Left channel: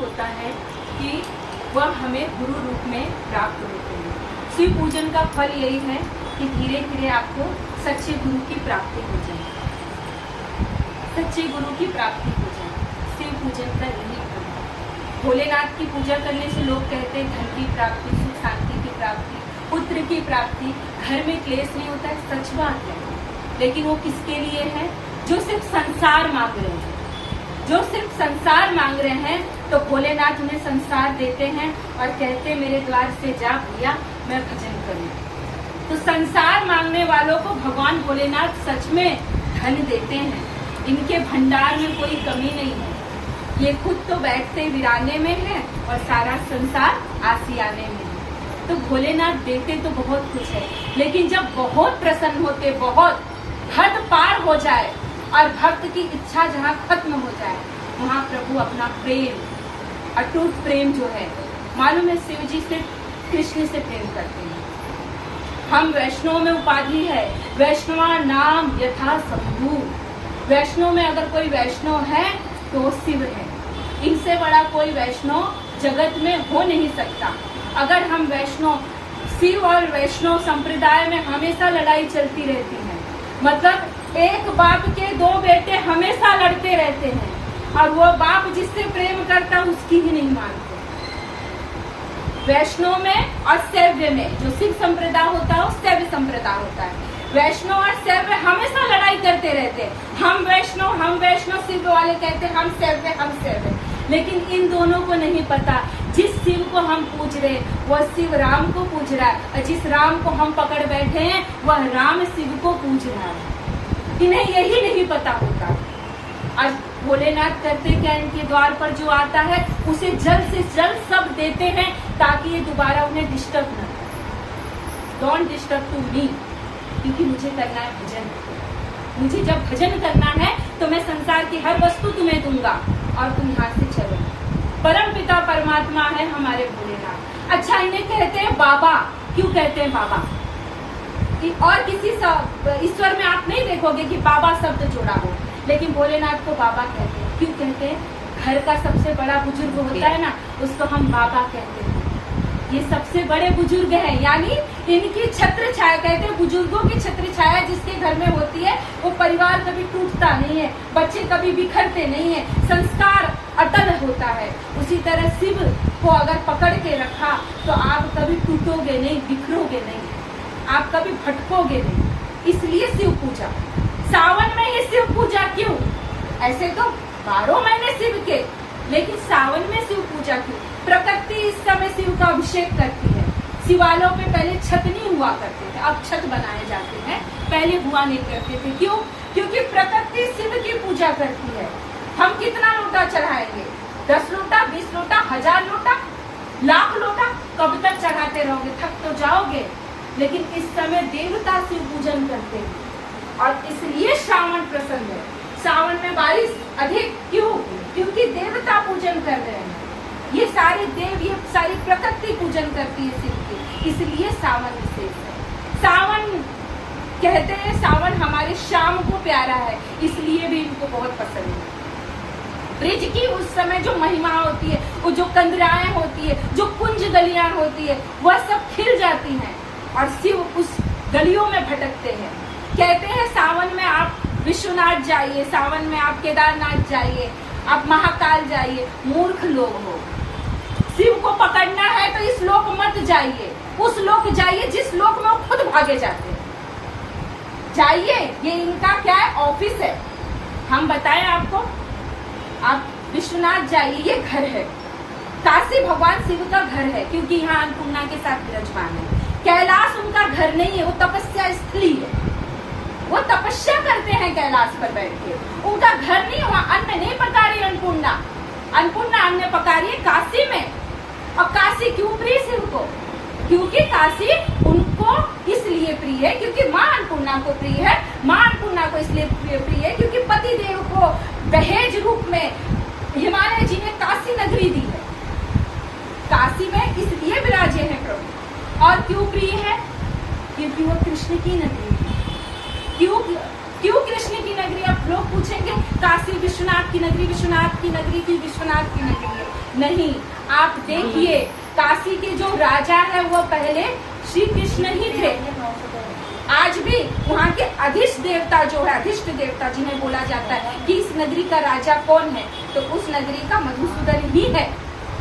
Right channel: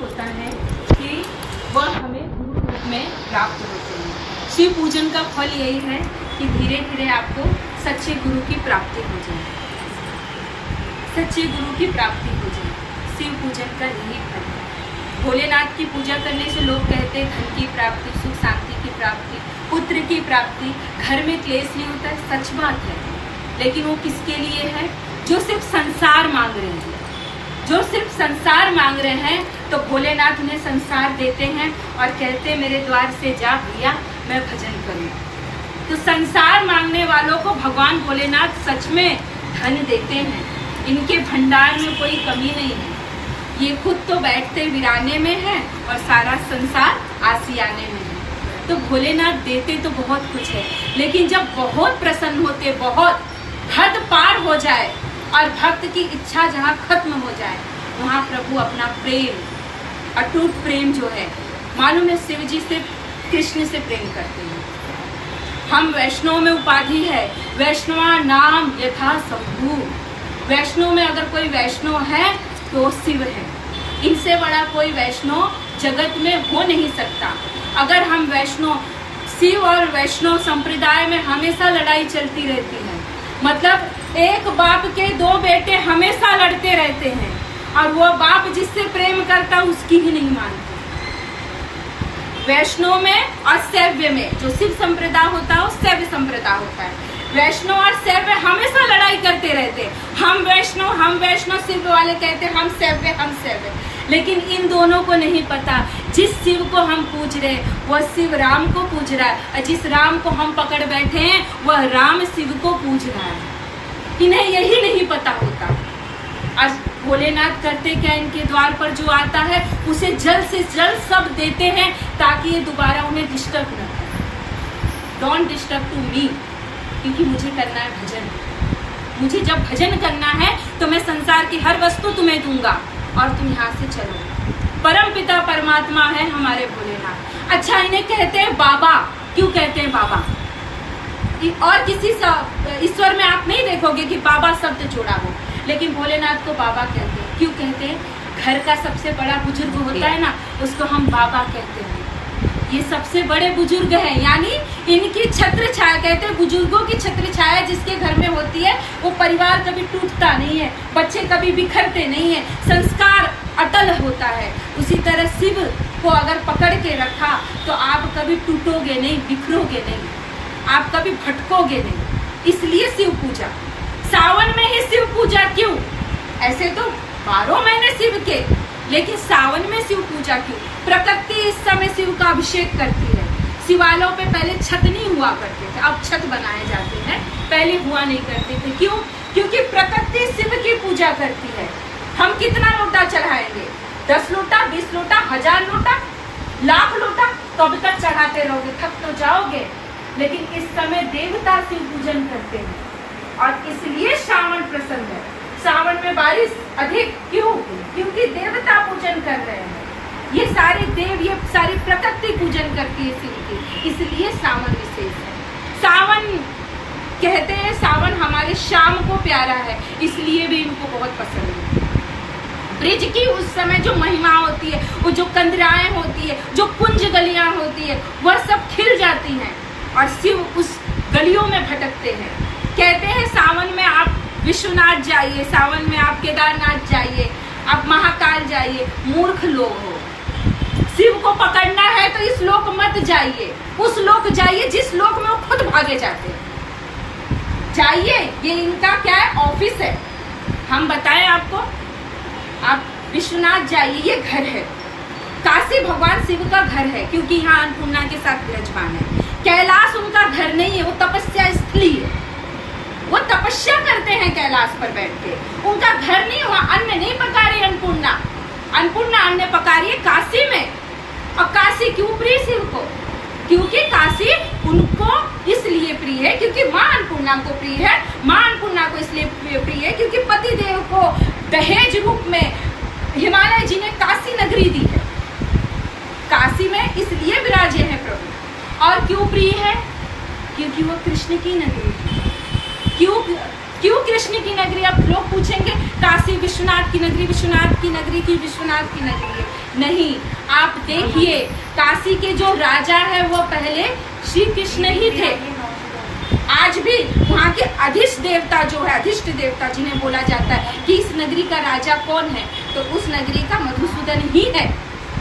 होता है कि वह हमें गुरु रूप में प्राप्त होते हैं। शिव पूजन का फल यही है कि धीरे धीरे आपको सच्चे गुरु की प्राप्ति हो जाए, सच्चे गुरु की प्राप्ति हो जाए। शिव पूजन का यही फल है। भोलेनाथ की पूजा करने से लोग कहते हैं धन की प्राप्ति, सुख शांति की प्राप्ति, पुत्र की प्राप्ति, घर में क्लेश नहीं होता है। सच बात है, लेकिन वो किसके लिए है? जो सिर्फ संसार मांग रहे हैं, जो सिर्फ संसार मांग रहे हैं, तो भोलेनाथ उन्हें संसार देते हैं और कहते हैं मेरे द्वार से जा भैया, मैं भजन करूं। तो संसार मांगने वालों को भगवान भोलेनाथ सच में धन देते हैं। इनके भंडार में कोई कमी नहीं है। ये खुद तो बैठते वीराने में है और सारा संसार आसियाने में है। तो भोलेनाथ देते तो बहुत कुछ है, लेकिन जब बहुत प्रसन्न होते, बहुत हद पार हो जाए और भक्त की इच्छा जहाँ खत्म हो जाए, वहाँ प्रभु अपना प्रेम, अटूट प्रेम जो है, मालूम है शिव जी से, कृष्ण से प्रेम करते हैं। हम वैष्णव में उपाधि है वैष्णवा नाम यथा शंभु। वैष्णव में अगर कोई वैष्णव है तो वो शिव है। इनसे बड़ा कोई वैष्णव जगत में हो नहीं सकता। अगर हम वैष्णव, शिव और वैष्णव संप्रदाय में हमेशा लड़ाई चलती रहती है। मतलब एक बाप के दो बेटे हमेशा लड़ते रहते हैं और वो बाप जिससे प्रेम करता उसकी ही नहीं मानते। वैष्णव में और शैव में, जो शिव संप्रदाय होता है वो शैव संप्रदाय होता है। वैष्णव और शैव हमेशा लड़ाई करते रहते हैं। हम वैष्णव, शिव वाले कहते हैं हम शैव। लेकिन इन दोनों को नहीं पता, जिस शिव को हम पूज रहे वह शिव राम को पूज रहा है, और जिस राम को हम पकड़ बैठे हैं वह राम शिव को पूज रहा है। इन्हें यही नहीं पता होता। आज भोलेनाथ करते क्या, इनके द्वार पर जो आता है उसे जल्द से जल्द सब देते हैं ताकि ये दोबारा उन्हें डिस्टर्ब न करे। डोंट डिस्टर्ब टू मी, क्योंकि मुझे करना है भजन। मुझे जब भजन करना है तो मैं संसार की हर वस्तु तुम्हें दूंगा और तुम यहाँ से चलो। परम पिता परमात्मा है हमारे भोलेनाथ। अच्छा, इन्हें कहते हैं बाबा। क्यों कहते हैं बाबा? और किसी ईश्वर में आप नहीं देखोगे कि बाबा शब्द जोड़ा हो, लेकिन भोलेनाथ को बाबा कहते हैं। क्यों कहते हैं? घर का सबसे बड़ा बुजुर्ग होता है ना, उसको हम बाबा कहते हैं। ये सबसे बड़े बुजुर्ग हैं, यानी इनकी छत्र छाया, कहते हैं बुजुर्गों की छत्र छाया जिसके घर में होती है वो परिवार कभी टूटता नहीं है, बच्चे कभी बिखरते नहीं है, संस्कार अटल होता है। उसी तरह शिव को अगर पकड़ के रखा तो आप कभी टूटोगे नहीं, बिखरोगे नहीं, आप कभी भटकोगे नहीं। इसलिए शिव पूजा। सावन में ही शिव पूजा क्यों? ऐसे तो 12 महीने शिव के, लेकिन सावन में शिव पूजा क्यों? प्रकृति इस समय शिव का अभिषेक करती है। शिवालयों पे पहले छत नहीं हुआ करते थे, अब छत बनाए जाते हैं, पहले हुआ नहीं करते थे। क्यों? क्योंकि प्रकृति शिव की पूजा करती है। हम कितना लोटा चढ़ाएंगे? 10 लोटा, 20 लोटा, 1000 लोटा, लाख लोटा? कब तक चढ़ाते रहोगे? थक तो जाओगे। लेकिन इस समय देवता शिव पूजन करते हैं और इसलिए श्रावण प्रसन्न है। सावन में बारिश अधिक क्यों? क्योंकि देवता पूजन कर रहे हैं। ये सारे देव, ये सारी प्रकृति पूजन करती है शिव की, इसलिए सावन विशेष है। सावन कहते हैं, सावन हमारे श्याम को प्यारा है, इसलिए भी इनको बहुत पसंद है। ब्रिज की उस समय जो महिमा होती है, वो जो कंदराएं होती है, जो कुंज गलियां होती है, वह सब खिल जाती हैं और शिव उस गलियों में भटकते हैं। कहते हैं सावन में आप विश्वनाथ जाइए, सावन में आप केदारनाथ जाइए, आप महाकाल जाइए। मूर्ख लोग हो, शिव को पकड़ना है तो इस लोक मत जाइए, उस लोक जाइए जिस लोक में वो खुद भागे जाते हैं। जाइए, ये इनका क्या है? ऑफिस है। हम बताएं आपको, आप विश्वनाथ जाइए, ये घर है। काशी भगवान शिव का घर है, क्योंकि यहाँ अन्नपूर्णा के साथ विराजमान है। कैलाश उनका घर नहीं है, वो तपस्या स्थली है। वो तपस्या करते हैं कैलाश पर बैठ के, उनका घर नहीं। वहाँ अन्न नहीं पका रही अन्नपूर्णा, अन्नपूर्णा अन्न पका रही है काशी में। और काशी क्यों प्रिय शिव को? क्योंकि काशी उनको इसलिए प्रिय है क्योंकि माँ अन्नपूर्णा को प्रिय है। माँ अन्नपूर्णा को इसलिए प्रिय है क्योंकि पति देव को दहेज रूप में हिमालय जी ने काशी नगरी दी है। काशी में इसलिए विराजे हैं प्रभु। और क्यों प्रिय है? क्योंकि वो कृष्ण की नगरी है। क्यों कृष्ण की नगरी? अब लोग पूछेंगे काशी विश्वनाथ की नगरी, विश्वनाथ की नगरी की, विश्वनाथ की नगरी है। नहीं, आप देखिए काशी के जो राजा है वो पहले श्री कृष्ण ही थे। आज भी वहाँ के अधिष्ठ देवता जो है, अधिष्ठ देवता जिन्हें बोला जाता है कि इस नगरी का राजा कौन है, तो उस नगरी का मधुसूदन ही है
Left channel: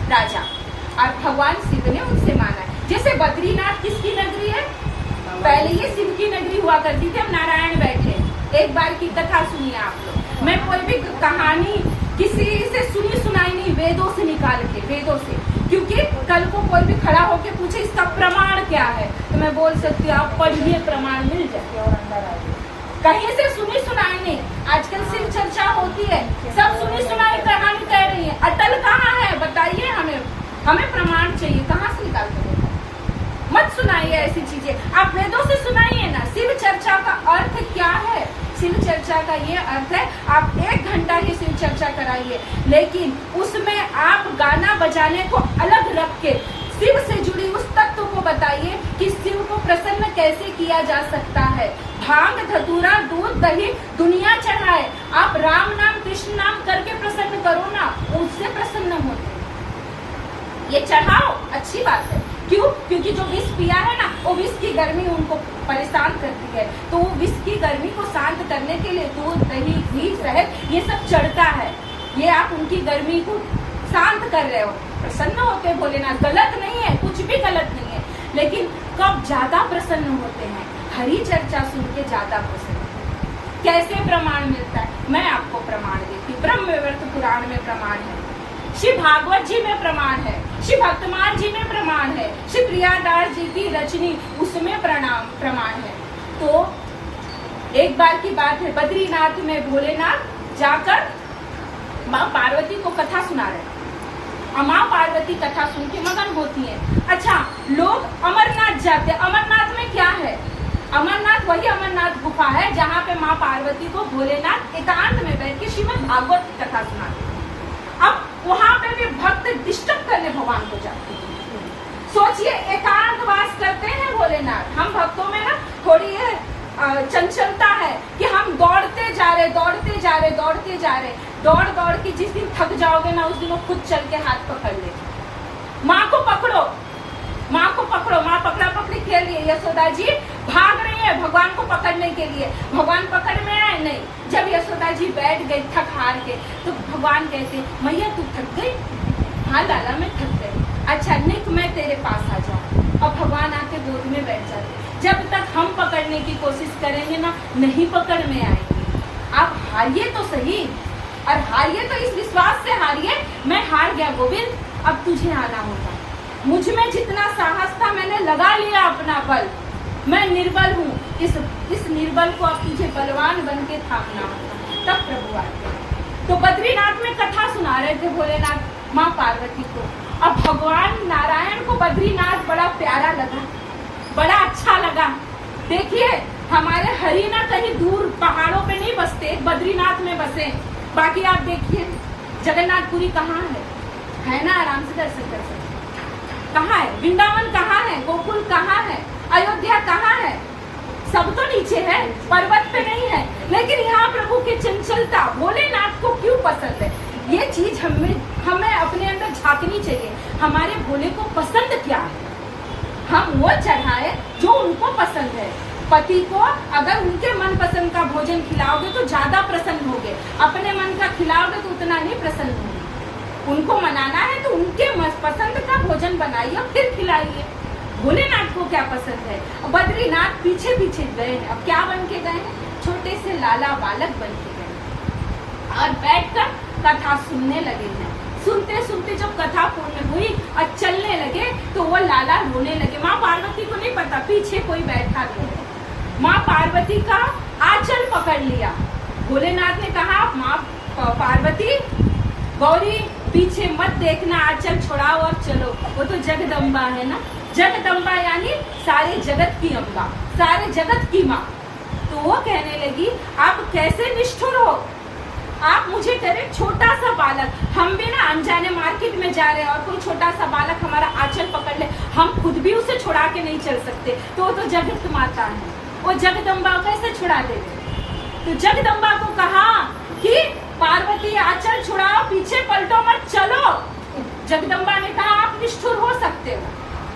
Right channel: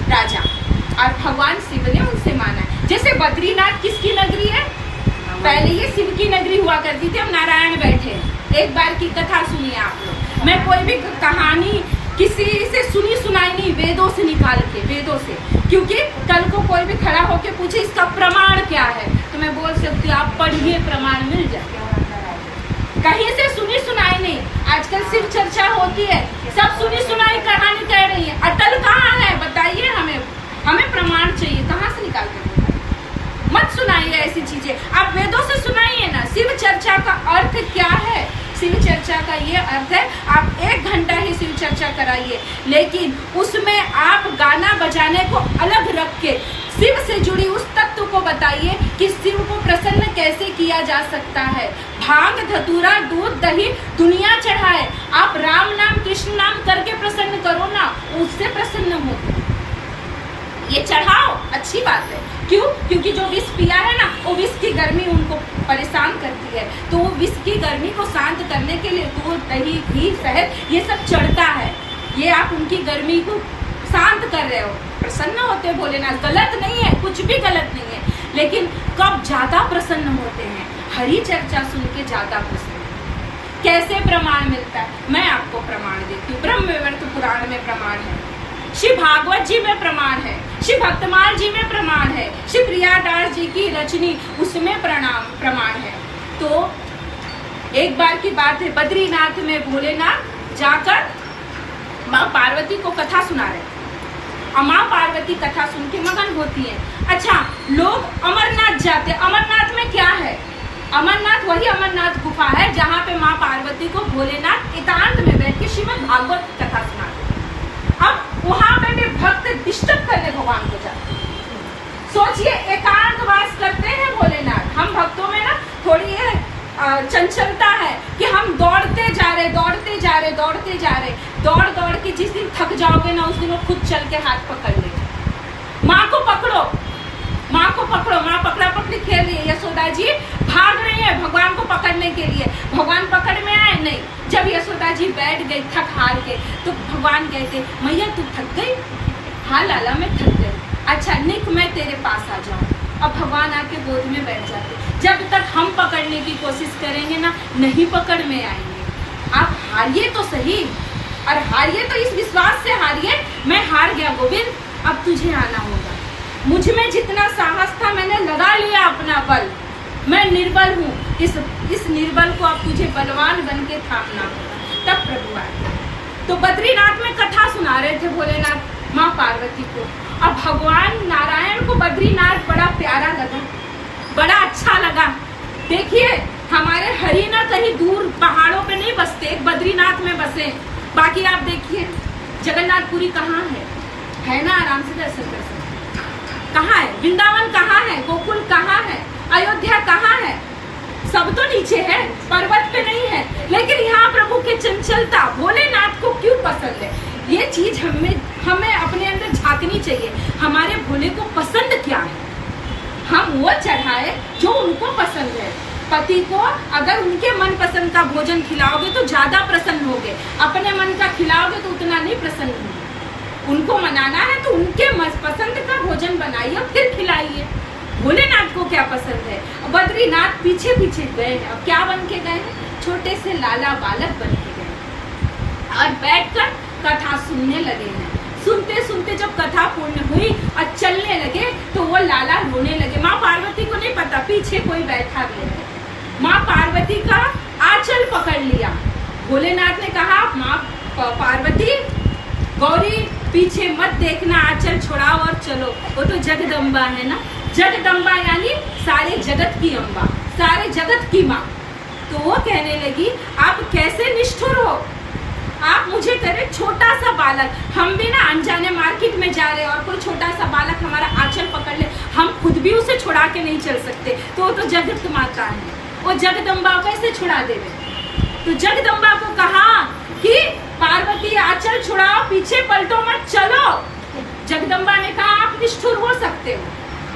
राजा, और भगवान शिव ने उनसे माना है। जैसे बद्रीनाथ किसकी नगरी है? पहले ये शिव की नगरी हुआ करती थी, अब नारायण बैठे। एक बार की कथा सुनिए आप लोग। मैं कोई भी कहानी किसी से सुनी सुनाई नहीं, वेदों से निकाल के, वेदों से, क्योंकि कल को कोई भी खड़ा होके पूछे इसका प्रमाण क्या है, तो मैं बोल सकती हूँ आप पढ़िए, प्रमाण मिल जाए। कहीं से सुनी सुनाई नहीं। आजकल शिव चर्चा होती है, सब सुनी सुनाई कहानी कह रही है। अटल कहाँ है बताइए, हमें प्रमाण चाहिए, कहाँ से निकाल के बताइए। मत सुनाइए ऐसी चीजें, आप वेदों से सुनाइए ना। शिव चर्चा का अर्थ क्या है? शिव चर्चा का ये अर्थ है, आप 1 घंटा ही शिव चर्चा कराइए, लेकिन उसमें आप गाना बजाने को अलग रख के शिव से जुड़ी उस तत्व को बताइए कि शिव को प्रसन्न कैसे किया जा सकता है। भांग धतूरा दूध दही दुनिया चढ़ाए, आप राम नाम कृष्ण नाम करके प्रसन्न करो ना, उससे प्रसन्न हो। ये चढ़ाओ, अच्छी बात है। क्यों? क्योंकि जो विष पिया है ना, वो विष की गर्मी उनको परेशान करती है, तो वो विष की गर्मी को शांत करने के लिए दूध दही घी शहद ये सब चढ़ता है। ये आप उनकी गर्मी को शांत कर रहे हो, प्रसन्न होते भोलेनाथ। गलत नहीं है, कुछ भी गलत नहीं है, लेकिन कब ज्यादा प्रसन्न होते हैं? हरि चर्चा सुन के ज्यादा प्रसन्न। कैसे प्रमाण मिलता है? मैं आपको प्रमाण देती हूँ। ब्रह्म वैवर्त पुराण में प्रमाण है, श्री भागवत जी में प्रमाण है, श्री भक्तमाल जी में प्रमाण है, श्री प्रियादास जी की रचनी उसमें प्रमाण है। तो एक बार की बात है, बद्रीनाथ में भोलेनाथ जाकर माँ पार्वती को कथा सुना रहे, और माँ पार्वती कथा सुन के मगन होती है। अच्छा, लोग अमरनाथ जाते, अमरनाथ में क्या है? अमरनाथ वही अमरनाथ गुफा है जहाँ पे माँ पार्वती को भोलेनाथ एकांत में बैठ के श्रीमद् भागवत कथा सुनाते। अब वहाँ पे भी भक्त डिस्टर्ब करने भगवान को जाते हैं। सोचिए, एकांतवास करते हैं भोलेनाथ। हम भक्तों में ना थोड़ी ये चंचलता है कि हम दौड़ते जा रहे, दौड़ के जिस दिन थक जाओगे ना, उस दिन वो खुद चल के हाथ पकड़ ले। माँ को पकड़ो, माँ पकड़ा पकड़ी खेल रही है। यशोदा जी भाग रही है भगवान को पकड़ने के लिए, भगवान पकड़ में आए नहीं। जब यशोदा जी बैठ गई थक हार के, तो भगवान कहते मैया तू थक गई? हाँ लाला मैं थक गई। अच्छा निक मैं तेरे पास आ जाऊँ। अब भगवान आके गोद में बैठ जाते। जब तक हम पकड़ने की कोशिश करेंगे ना, नहीं पकड़ में आएंगे। आप हारिए तो सही, और हारिए तो इस विश्वास से हारिए मैं हार गया गोविंद, अब तुझे आना होगा। मुझ में जितना साहस था मैंने लगा लिया अपना बल, मैं निर्बल हूँ, इस निर्बल को अब तुझे बलवान बन के थामना होगा। तब प्रभु आए। तो बद्रीनाथ में कथा सुना रहे थे भोलेनाथ माँ पार्वती को, और भगवान नारायण को बद्रीनाथ बड़ा प्यारा लगा, बड़ा अच्छा लगा। देखिए हमारे हरि ना कहीं दूर पहाड़ों पे नहीं बसते, बद्रीनाथ में बसे। बाकी आप देखिए जगन्नाथपुरी कहाँ है ना, आराम से दर्शन कर सकते। कहाँ है वृंदावन, कहाँ है गोकुल, कहाँ है अयोध्या, कहाँ है? सब तो नीचे है, पर्वत पे नहीं है। लेकिन यहाँ प्रभु की चंचलता भोलेनाथ को क्यों पसंद है? ये चीज हमें अपने अंदर झांकनी चाहिए। हमारे भोले को पसंद क्या है, हम वो चढ़ाए जो उनको पसंद है। पति को अगर उनके मन पसंद का भोजन खिलाओगे तो ज्यादा प्रसन्न होगे, अपने मन का खिलाओगे तो उतना नहीं प्रसन्न होगे। उनको मनाना है तो उनके पसंद का भोजन बनाइए और फिर खिलाइए। भोलेनाथ को क्या पसंद है? बद्रीनाथ पीछे पीछे गए हैं, अब क्या बन के गए हैं? छोटे से लाला बालक बन के गए और बैठकर कथा सुनने लगे हैं। सुनते सुनते जब कथा पूर्ण हुई और चलने लगे तो वो लाला रोने लगे। माँ पार्वती को नहीं पता पीछे कोई बैठा भी है। माँ पार्वती का आंचल पकड़ लिया। भोलेनाथ ने कहा माँ पार्वती गौरी पीछे मत देखना, आंचल छुड़ाओ और चलो। वो तो जगदम्बा है ना, जगदम्बा यानी सारे जगत की अम्बा, सारे जगत की माँ। तो वो कहने लगी आप कैसे निष्ठुर हो, आप मुझे करे छोटा सा बालक, हम भी ना अनजाने मार्केट में जा रहे हैं और कोई छोटा सा बालक हमारा आंचल पकड़ ले, हम खुद भी उसे छुड़ा के नहीं चल सकते। तो वो तो जगत माता है, वो जगदम्बा कैसे छुड़ा देवे? तो जगदम्बा को कहा कि पार्वती आंचल छुड़ाओ, पीछे पलटो मत, चलो। जगदम्बा ने कहा आप निष्ठुर हो सकते हो,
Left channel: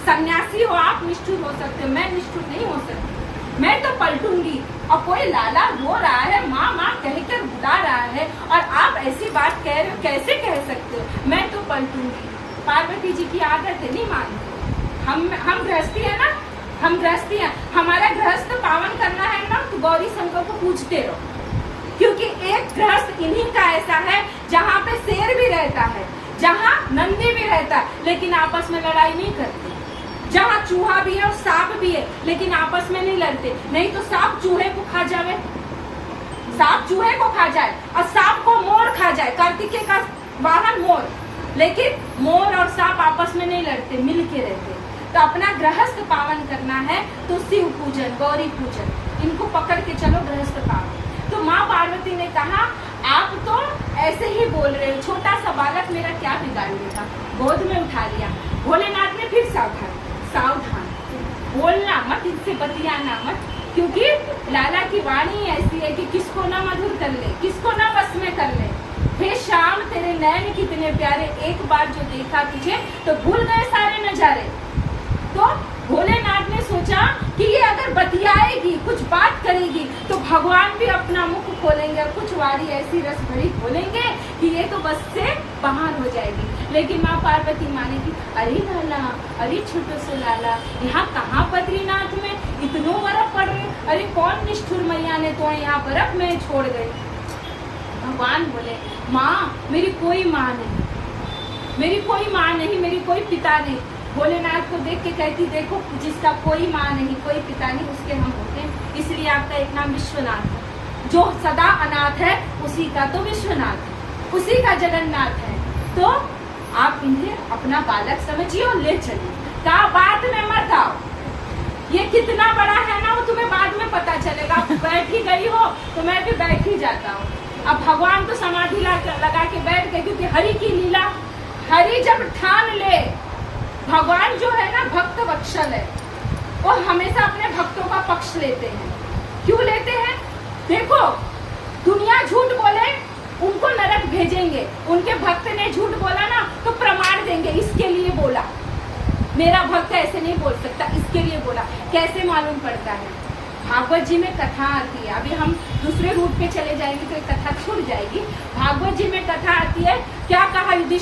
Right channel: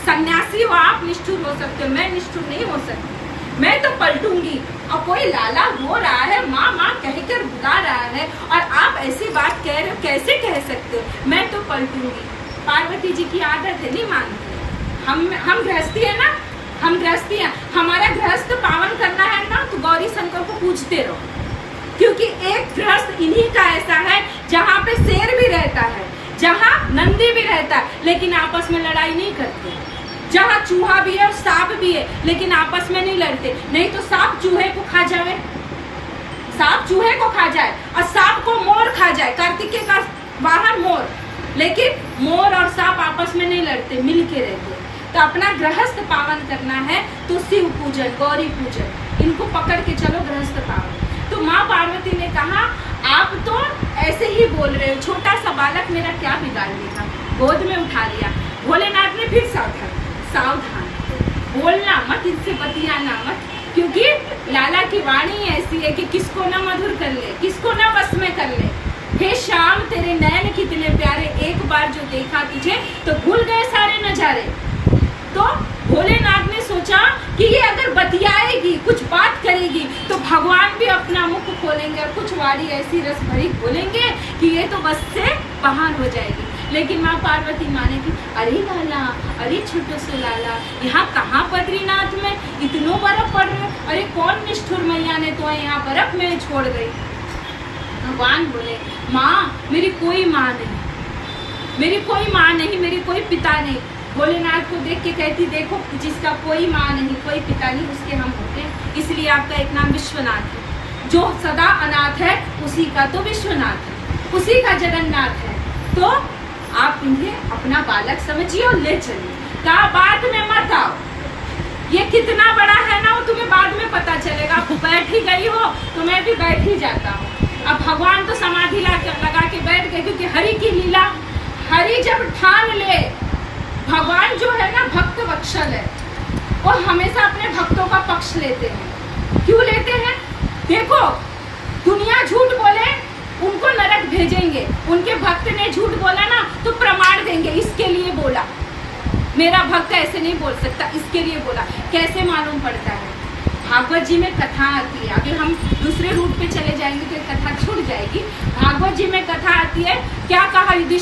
सन्यासी हो आप, निष्ठुर हो सकते हो, मैं निष्ठुर नहीं हो सकती, मैं तो पलटूंगी। और कोई लाला रो रहा है, माँ माँ कहकर बुला रहा है, और आप ऐसी बात कह रहे हो, कैसे कह सकते हो, मैं तो पलटूंगी। पार्वती जी की आदत है, नहीं मानते। हम गृहस्थी है ना, हम गृहस्थी हैं, हमारा गृहस्थ पावन करना है ना, तो गौरी शंकर को पूजते रहो, क्योंकि एक गृहस्थ इन्हीं का ऐसा है जहाँ पे शेर भी रहता है, जहाँ नंदी भी रहता है, लेकिन आपस में लड़ाई नहीं करते, जहाँ चूहा भी है और सांप भी है, लेकिन आपस में नहीं लड़ते। नहीं तो सांप चूहे को खा जाए, सांप चूहे को खा जाए और सांप को मोर खा जाए, कार्तिकेय का वाहन मोर, लेकिन मोर और सांप आपस में नहीं लड़ते, मिल के रहते। तो अपना गृहस्थ पावन करना है तो शिव पूजन, गौरी पूजन, इनको पकड़ के चलो गृहस्थ पावन। तो माँ पार्वती ने कहा आप तो ऐसे ही बोल रहे हो, छोटा सा बालक मेरा क्या बिगाड़ लेगा, गोद में उठा लिया। भोलेनाथ ने फिर सावधान बोलना मत, इनसे बतियाना मत, क्योंकि लाला की वाणी ऐसी है कि किसको ना मधुर कर ले, किसको ना बस में कर ले। हे शाम तेरे नैन कितने प्यारे, एक बार जो देखा तुझे तो भूल गए सारे नजारे। तो भोलेनाथ ने सोचा कि ये अगर बतियाएगी, कुछ बात करेगी, तो भगवान भी अपना मुख खोलेंगे और कुछ वाणी ऐसी रस भरी बोलेंगे कि ये तो बस से बाहर हो जाएगी। लेकिन माँ पार्वती माने की, अरे लाला, अरे छोटो से लाला, यहाँ कहाँ बद्रीनाथ में इतनो बर्फ पड़ रहे, अरे कौन निष्ठुर मैया ने तो यहाँ बर्फ में छोड़ गई। भगवान बोले माँ मेरी कोई माँ नहीं, मेरी कोई माँ नहीं, मेरी कोई पिता नहीं। भोलेनाथ को देख के कहती देखो जिसका कोई माँ नहीं, कोई पिता नहीं, उसके हम होते हैं, इसलिए आपका एक नाम विश्वनाथ है। जो सदा अनाथ है उसी का तो विश्वनाथ है, उसी का जगन्नाथ है। तो आप इन्हें अपना बालक समझिए और ले चलिए, कहा बाद में मत आओ, ये कितना बड़ा है ना वो तुम्हें बाद में पता चलेगा। आप बैठ ही गई हो तो मैं भी बैठ ही जाता हूँ। अब भगवान तो समाधि लगा के बैठ गए, क्योंकि हरि की लीला, हरि जब ठान ले, भगवान जो है ना भक्त वत्सल है, और हमेशा अपने भक्तों का पक्ष लेते हैं। क्यों लेते हैं? देखो दुनिया झूठ बोले उनको नरक भेजेंगे, उनके भक्त ने झूठ बोला ना तो प्रमाण देंगे, इसके लिए बोला, मेरा भक्त ऐसे नहीं बोल सकता, इसके लिए बोला। कैसे मालूम पड़ता है? भागवत जी में कथा आती है, अभी हम दूसरे रूट पे चले जाएंगे तो कथा छूट जाएगी। भागवत जी में कथा आती है, क्या कहा युधिष्ठिर